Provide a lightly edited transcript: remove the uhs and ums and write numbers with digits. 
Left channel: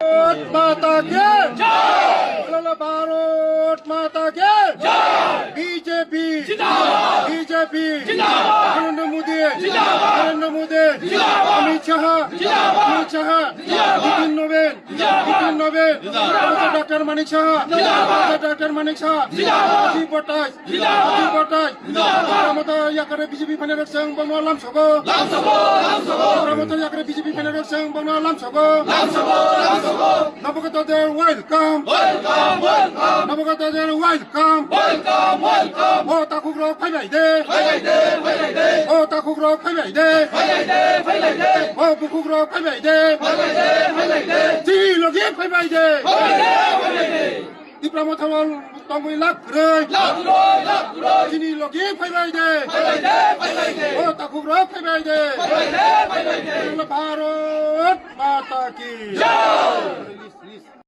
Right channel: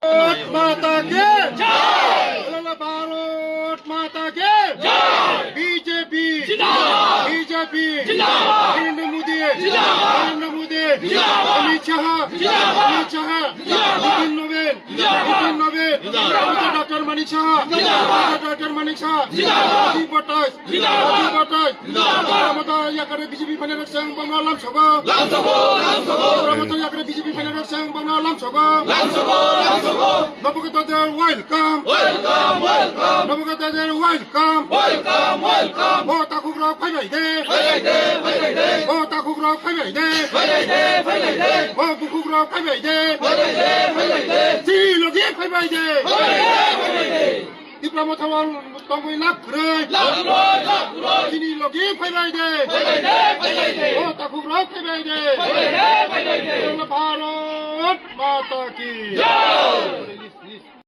भारत माता के जय, भारत माता के जय, बीजेपी बीजेपी नरेंद्र मोदी अमित शाह नितिन नवीन डॉक्टर मानिक शाह जी बटास ममता याकरे बीजेपी फाइनेंस संघ बंगला लाम सगो ममता याकरे बीजेपी फाइनेंस संघ बंगला लाम सगो नवगतদের ওয়েলকাম নবগতদের ওয়েলকাম ও তাকুগ্রক ফাইবাই দে ও তাকুগ্রক ফাইবাই দে ও বুকুগ্রক ফাইবাই দে জি লগি ফাইবাই দে 디플로마 타원 방구이 락그레 지니 로기 파이바이데 오 따쿠그로 파이바이데 바로 마타키